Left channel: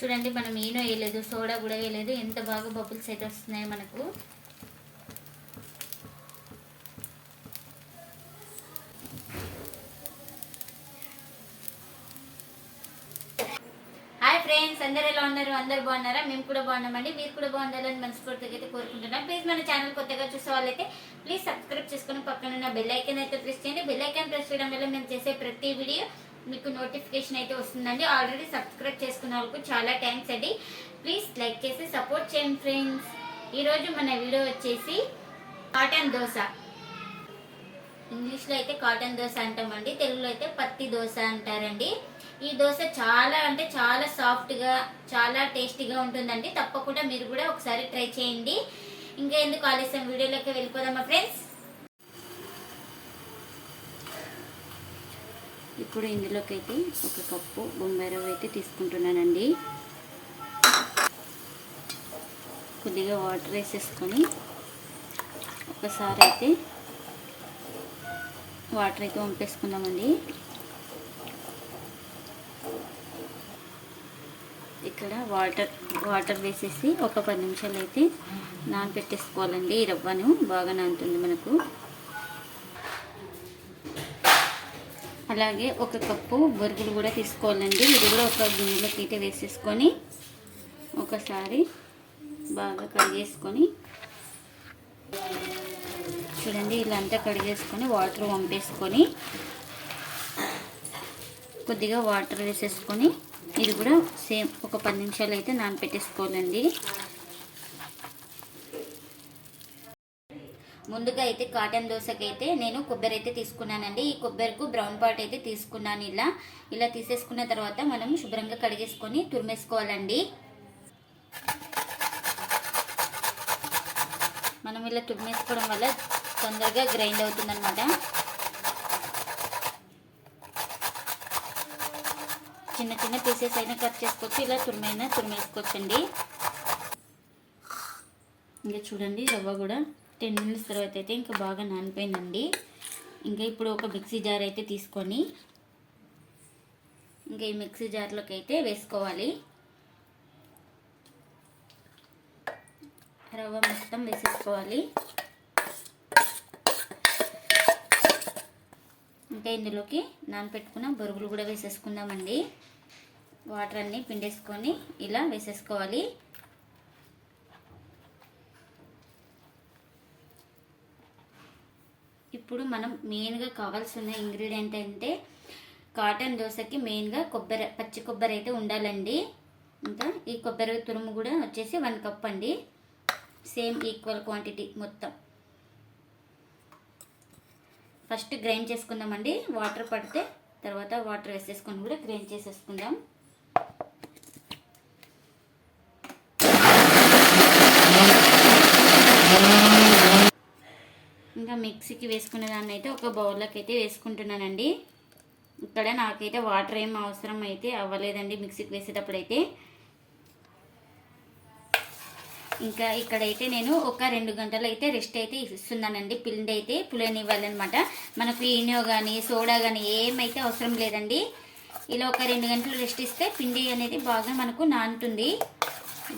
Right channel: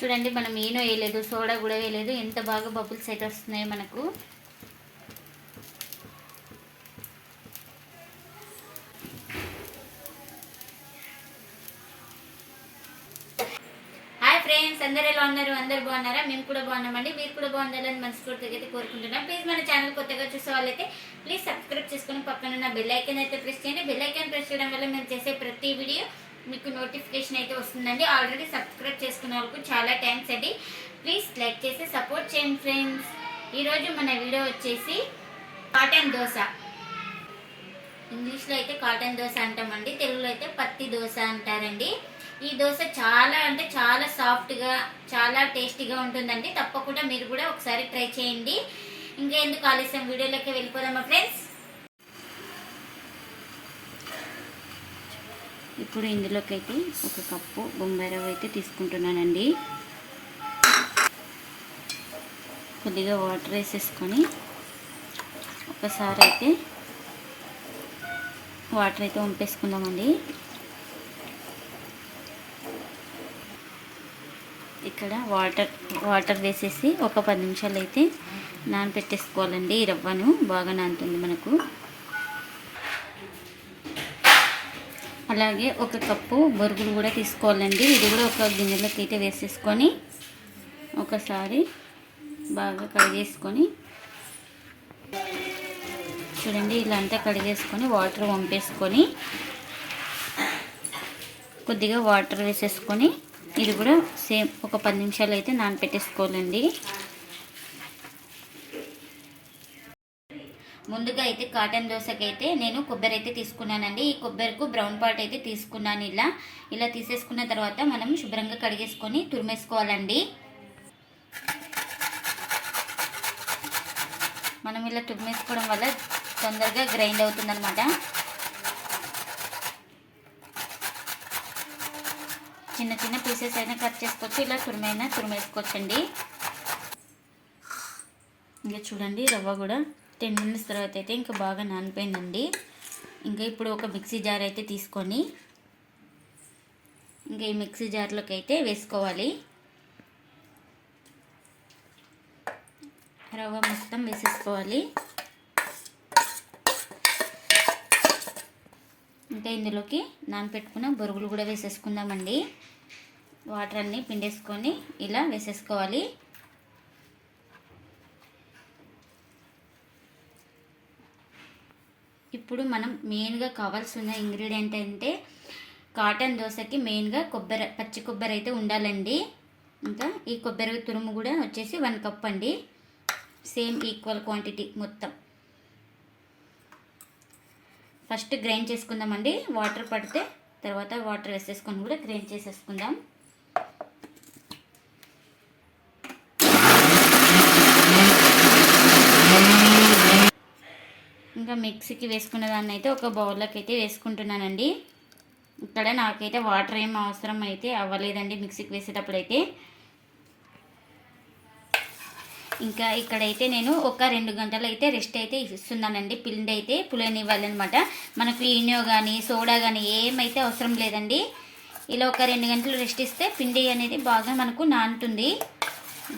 చూడండి మనం ఏనో వేయలేదు సోడా కూడా వేయలేదు. ఎంత బాగా బబుల్స్ అయితే వస్తున్నాయి మనకు. హాయ్ ఫ్రెండ్స్ అందరు ఎలా ఉన్నారు? అందరు బాగున్నారా? మేము కూడా బాగున్నామండి. మీరు కూడా బాగుండాలని మనస్ఫూర్తిగా అయితే కోరుకుంటున్నాం. ప్లీజ్ మన ఛానల్ కొత్తగా చూసే వాళ్ళైతే ప్లీజ్ సబ్స్క్రైబ్ చేసుకుని పక్కన ఉన్న బెల్ అయితే ప్రెస్ చేయండి. బెల్ ఐకాన్ ప్రెస్ చేయడం వల్ల మేము చేసే ప్రతి వీడియో మీకు నోటిఫికేషన్ అయితే వస్తుందండి. ఆల్రెడీ సబ్స్క్రైబ్ చేసుకున్న వాళ్ళకు చాలా థ్యాంక్స్ అండి. ప్లీజ్ లైక్ చేసి సపోర్ట్ చేయండి ఫ్రెండ్స్ ఈరోజు మన వీడియో వచ్చేసి కాటన్ దోశ. ఇంగ్లీష్లో అయితే కాటన్ దోశ అంటామండి. తెలుగులో అయితే పత్తి దోశ అంటారండి. ఈ దోశ చాలా అంటే చాలా సాఫ్ట్గా చాలా టేస్టీగా ఉంటుందండి. తప్పకుండా మీరు కూడా ఒకసారి ట్రై చేయండి. ఇంకా ఎందుకు ఆలస్యం? వీడియోలోకి వెళ్ళిపోదామా ఫ్రెండ్స్ ఇప్పుడు ఇందులోకి అయితే ఒక కప్పు బొంబాయి రవ్వ అయితే తీసుకుంటున్నానండి. కొద్దిగా వాటర్ వేసేసుకొని ఒకసారి అయితే వాటర్ అయితే వంపేసుకుందామండి. ఇక్కడ వాటర్ వాటర్ వేసేసి ఒక పది నిమిషాలు అయితే నానబెట్టేసుకోవాలండి ఈ రవ్వను. బాగా నానుతుంది మనకు. అలాగే ఒక కప్పు బొరుగులు కూడా తీసుకోవాలండి. ఇది కూడా ఒక గిన్నెలోకి అయితే వేసేసుకొని ఒకసారి బాగా కడిగేసుకొని చూడండి ఇలా అంతా కడిగేసుకొని వాటర్ పంపేసుకొని కొద్దిగా వాటర్ వేసేసుకొని ఇది కూడా సేమ్ ఒక పది నిమిషాలు అయితే నానపెట్టేసుకోవాలండి. ముందుగా అయితే కాటన్ దోశకి అయితే నేను కొబ్బరి అయితే తీసుకున్నానండి. ఈ కొబ్బరికి బ్రౌన్ పార్ట్ అయితే తీసుకున్నాను ఇలా. ఇలా తీసేసుకున్న తర్వాత మనం శుభ్రంగా కడిగేసుకొని తురిమేసుకోవాలండి. మనం ఇలా తురిమేసుకోవడం వల్ల తొందరగా గ్రైండ్ అవుతుందన్నమాట. చిన్న చిన్న పీసెస్ అయినా కట్ చేసుకోవచ్చు ఇలా తురిమైనా తురిమేసుకోవచ్చండి. ఇంకా చూడండి రవ్వ కూడా టెన్ మినిట్స్ తర్వాత అయితే ఇంకా బాగా నానిపోయిందండి. ఇంకా ఇప్పుడు ఒక మిక్సీ జార్ అయితే తీసుకొని ఇంకా ఈ మిక్సీ జార్లోకి అయితే వేసుకోవాలి. రవ్వ మొత్తం వేసేసుకోవాలి. ఇంకా ఇందులోకి నానపెట్టుకున్న బొరుగులు కూడా వేసేసుకుందామండి. వాటర్ అన్నీ పిండేసుకొని ఇలా వేసేసుకోవాలి. ఇప్పుడు మనం మెయిన్గా కావాల్సిన ఇంగ్రీడియంట్ అంటే కాటన్ దోశకి మెయిన్గా కొబ్బరి పచ్చి కొబ్బరి అయితే ఉండాలండి. ఇంకా ఈ కొబ్బరి తురుము కూడా వచ్చేసి వన్ కప్ అండి. సేమ్ ఈక్వల్ క్వాంటిటీ మొత్తం. ఫస్ట్ గ్రైండ్ చేసుకుందామండి. వాటర్ పడితే తర్వాత వాటర్ వేసేసుకొని కూడా గ్రైండ్ చేసేసుకుందాం ఇంకా మిక్సీకి వేసుకున్న దాన్ని అయితే ఒక బౌల్లోకి అయితే వేసుకుంటున్నానండి. ఇక్కడ నాకైతే వాటర్ ఏం అవసరం అయితే అవ్వలేదండి మిక్సీకి వేసేటప్పుడు అయితే ఇంకా ఇక్కడైతే నేను ఒక రెండు గంటలు అయితే రెస్ట్ అయితే ఇస్తున్నానండి. పిండి అయితే పులనివ్వాలన్నమాట. మనకు ఈనో కానీ సోడా కానీ ఏమైతే అవసరం లేదండి. ఇలా ఒక రెండు గంటలు రెస్ట్ ఇస్తే పిండి అనేది బాగా మనకు నానుతుంది.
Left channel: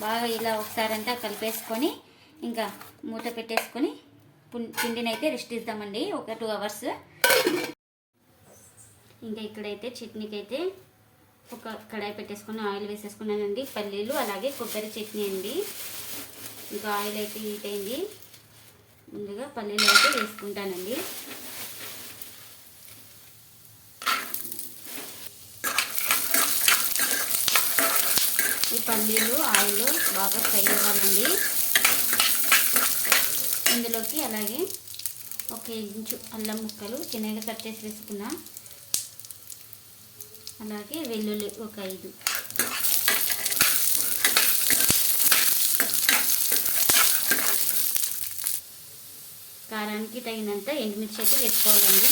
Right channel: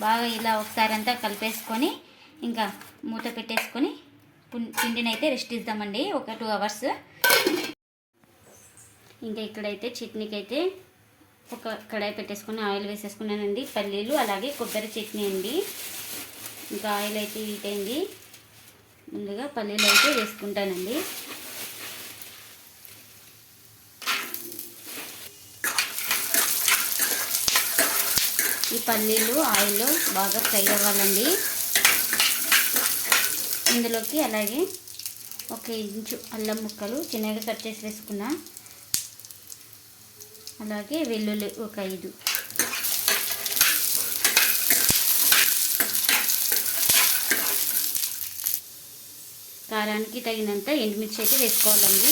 బాగా ఇలా ఒకసారి అంతా కలిపేసుకొని ఇంకా మూత పెట్టేసుకొని పిండిని అయితే రెస్ట్ ఇద్దామండి ఒక టూ అవర్స్. ఇంకా ఇక్కడైతే చట్నీకి అయితే ఒక కడాయి పెట్టేసుకొని ఆయిల్ వేసేసుకున్నానండి పల్లీలు అలాగే కొబ్బరి చట్నీ అండి. ఇంకా ఆయిల్ అయితే హీట్ అయింది. ముందుగా పల్లీలు అయితే వేసుకుంటానండి. ఈ పల్లీలు ఆయిల్లో బాగా ఫ్రై అవ్వాలండి. అందులోకి అలాగే ఒక ఇంచు అల్లం ముక్కలు చిన్నగా కట్ చేసి వేసుకున్నా. అలాగే వెల్లుల్లి ఒక ఐదు. కారానికి తగినంత ఎండుమిర్చి అయితే వేసుకోవాలండి.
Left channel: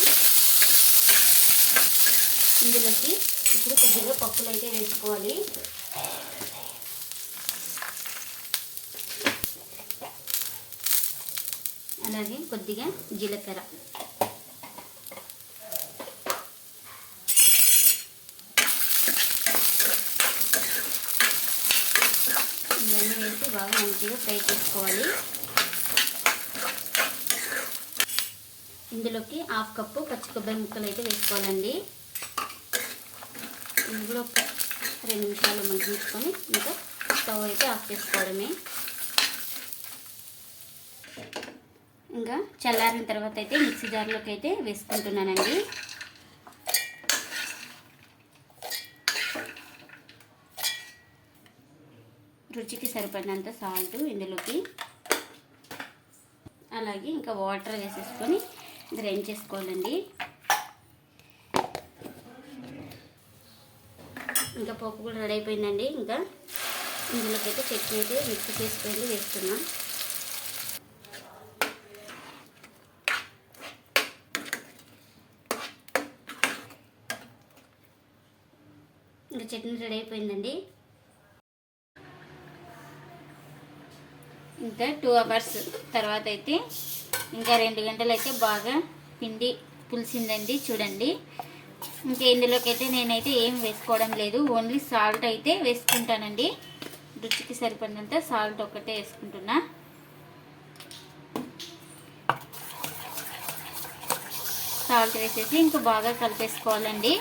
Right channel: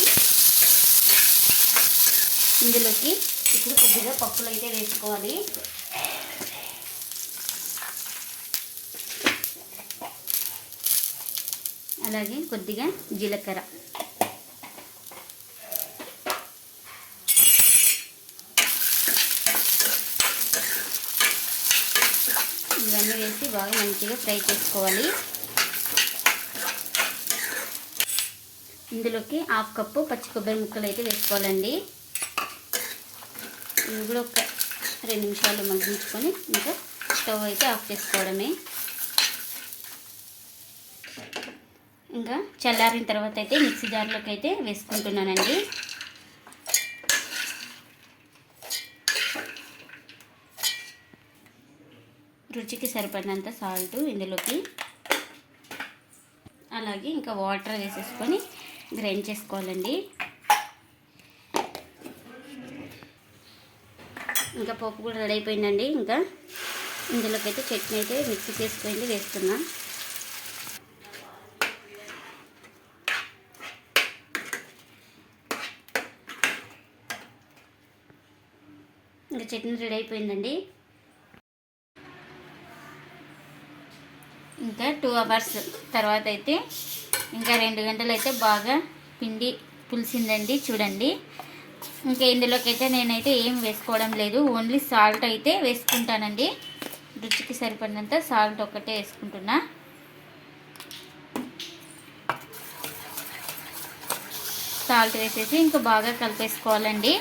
ఇందులోకి ఇప్పుడు కొద్దిగా పప్పులు అయితే వేసుకోవాలి. అలాగే కొద్దిగా జీలకర్ర. ఇవన్నీ వేసి బాగా మంచిగా ఫ్రై చేసుకోవాలి. ఇందులోకి హాఫ్ కప్పు పచ్చి కొబ్బరి ముక్కలు అయితే వేసుకోవాలండి. ఇది కూడా ఒక రెండు నిమిషాలు మగ్గించుకొని ఇంకా స్టవ్ అయితే ఆఫ్ చేసుకోవడమే ఇంకా చల్లారిన తర్వాత అయితే మిక్సీ జార్లోకి అయితే వేసుకుంటున్నానండి. రుచికి సరిపడినంత సాల్ట్ ఇందులోకి. అలాగే ఇంకా వాటర్ వేసేసుకొని గ్రైండ్ చేసుకోవాలండి. ఇంకా పప్పు కూడా రెడీ అయిపోయిందండి. ఇంకా ఇందులోకి అయితే చట్నీ అయితే మిక్స్ చేసుకొని వేస్తున్నాం. చట్నీ రెడీ అయిపోయిందండి. ఇంకా టూ అవర్స్ తర్వాత అయితే ఇంకా రెండు గంటలు అయితే బాగా పిండి పులిసిందండి చూడండి. ఇంకా ఇందులోకి అయితే నేనైతే ఏం వేసుకోవడం లేదు. ఓన్లీ సాల్ట్ అయితే వేసుకుంటానండి. రుచికి సరిపడినంత సాల్ట్ ఒకటే వేసుకుంటున్నా. సాల్ట్ వేసేసి ఇంకా బాగా కలిపేసుకోవాలండి.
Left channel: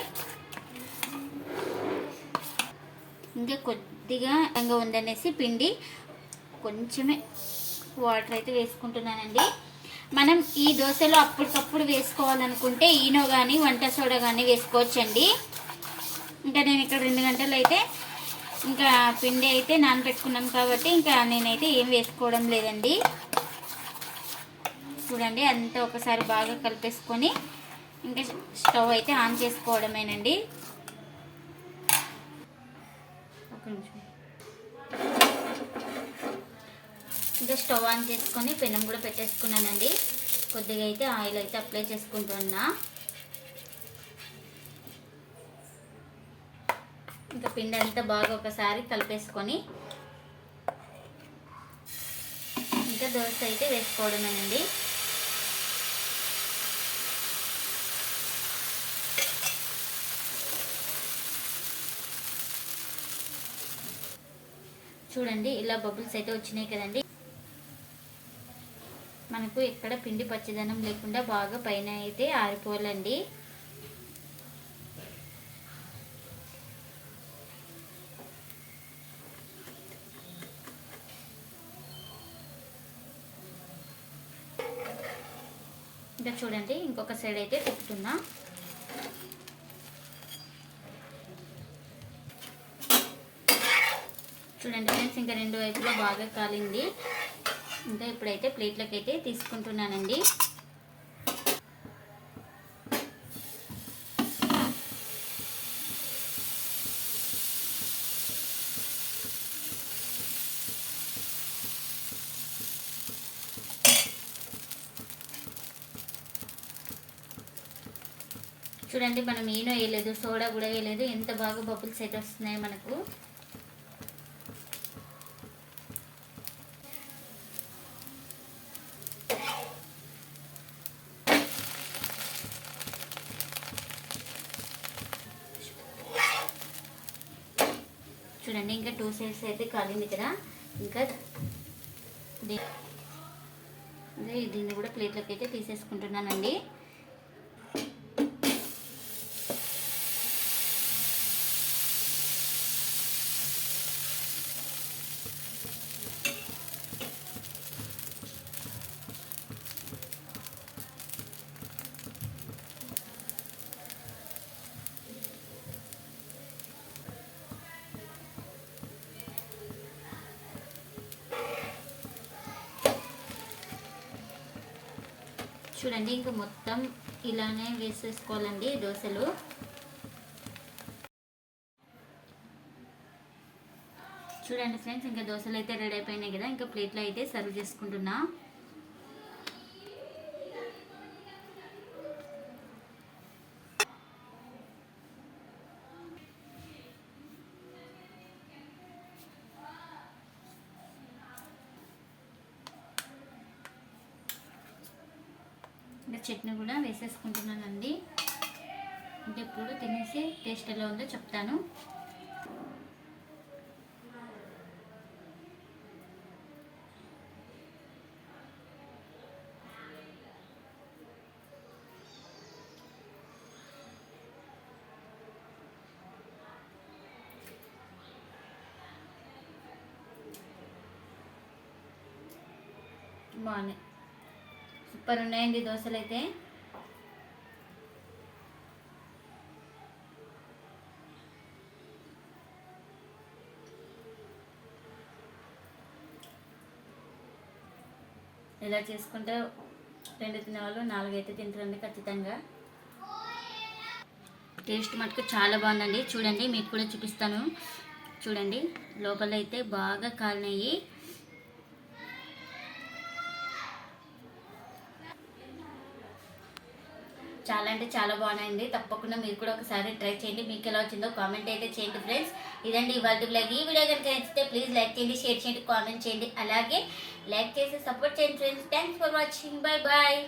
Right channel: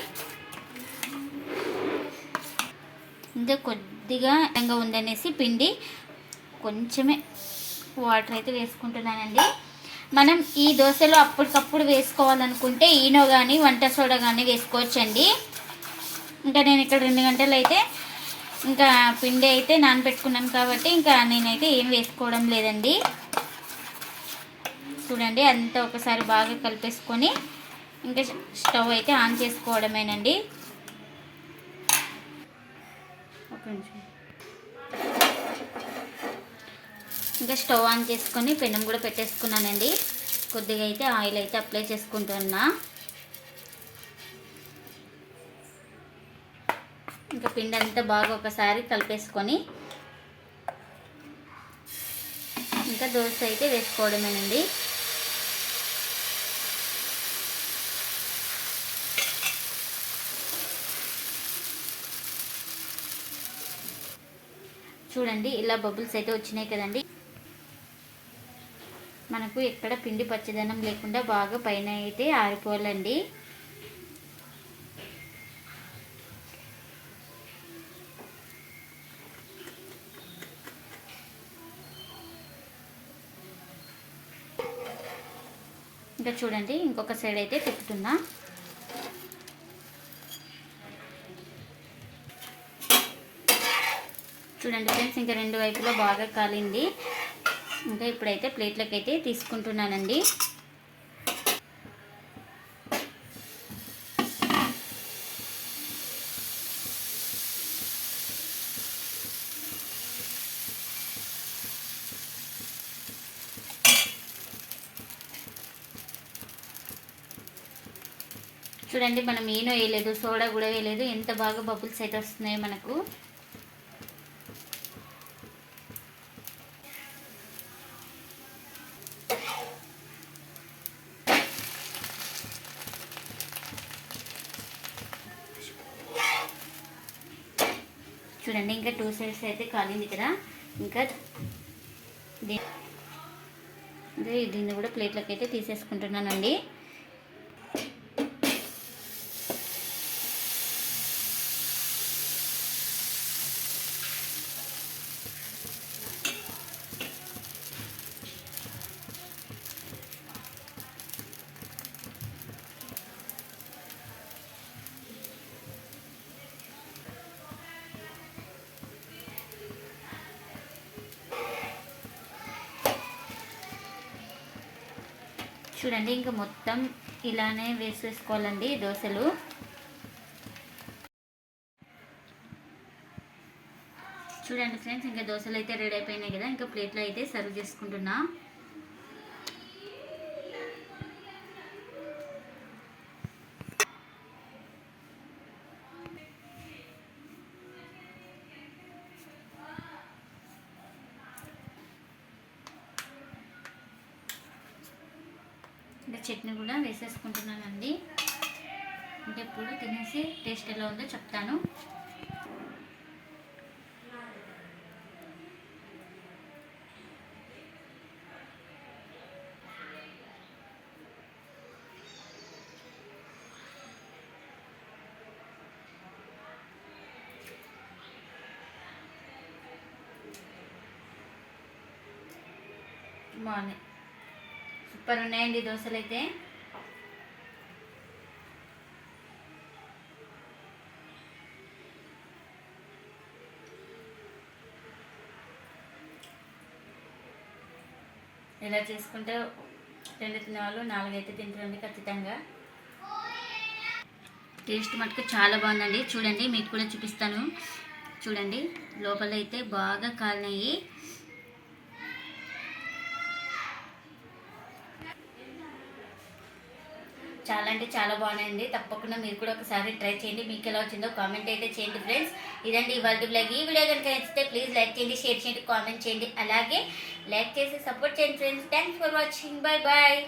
ఇంకా కొద్దిగా ఎంగా ఉందనేసి పిండి కొంచెమే వాటర్ అయితే వేసుకుంటున్నానండి. మనం ఈ దోశలో అప్పటికప్పుడు వేసుకోవాలనుకుంటే ఈనో కానీ వంట సోడా కానీ వేసుకోవచ్చండి. ఇంకా నేను ఇక్కడ రెండు గంటలు అయితే ఇంకా పిండి అయితే నానబెట్టుకున్నాను కాబట్టి ఇంకా నేనైతే ఏం వేసుకోవడం లేదండి. చూడండి అంతా ఒకసారి బాగా కలిపేసుకొని ఇంకా స్టవ్ అయితే ఆన్ చేసుకోవడమేనండి. కొంచెం. ఇంకా స్టవ్ ఆన్ చేసుకొని పెనం కూడా పెట్టేసుకున్నానండి. కొద్దిగా అయితే ఆయిల్ అయితే అప్లై చేసుకుంటున్నా. ఇంకా పిండి అంతా బాగా ఒకసారి కలిపేసుకొని ఇంకా దోశ అయితే వేసుకోవడమేనండి. చూడండి ఇలా బబుల్స్ అయితే వచ్చినాయి కదండి. మనకు ఎక్కడ పిండి పచ్చదనం లేకుండా బాగా పైన అయితే ఆరిపోవాలండి. ఇంకా చూడండి ఇంకొక సైడ్ అయితే తిప్పుతున్నా. చూడండి ఫ్రెండ్స్ ఇంకా రెండు వైపులో బాగా కాలింది. ఇంకా ఇప్పుడైతే ప్లేట్లోకి అయితే తీసుకుంటున్నానండి. చూడండి మనం ఈనో వేయలేదు సోడా కూడా వేయలేదు. ఎంత బాగా బబుల్స్ అయితే వస్తున్నాయో మనకు. చూడండి ఇంకా టూ సైడ్స్ అయితే కాలింది కదా. ఇంకా దీ- దీన్ని కూడా ప్లేట్లోకి అయితే తీసేసుకుంటున్నానండి. చూడండి ఇంకా మొత్తం ఇలానే వేసేసుకోవాలండి దోశలు. చూడండి ఫ్రెండ్స్ ఇంకా దోశలు అయితే రెడీ అయిపోయినాయి కదా ఇంకా ప్లేట్లో అయితే సర్వ్ చేసుకుంటున్నా. చట్నీ కూడా వేసేసుకుంటున్నానండి. అంటే ఇప్పుడు తినేసి టేస్ట్ ఎలా ఉందో చెప్తాను. బాగున్నాయి. సూపర్ ఉన్నాయండి దోశలు అయితే ఇలా చేసుకుంటే రెండు తినేవాళ్ళు నాలుగైతే తింటారండి ఖచ్చితంగా. టేస్ట్ మటుకు చాలా బాగుందండి. చూడండి మీకు కూడా చూపిస్తాను. చూడండి లోపల అయితే బాగా కాలినాయి. చాలా అంటే చాలా బాగున్నాయండి. తప్పకుండా మీరు కూడా ఒకసారి ట్రై చేయండి. మీకు ఎలా వచ్చిందో కామెంట్ అయితే చేయండి ఫ్రెండ్స్. ఇదండి ఇవాళ బ్లాగ్. ఈ వీడియో కనుక నచ్చితే ప్లీజ్ లైక్ చేయండి షేర్ చేయండి కామెంట్ చేయండి. అలాగే లైక్ చేసి సపోర్ట్ చేయండి friends. Thanks for watching bye bye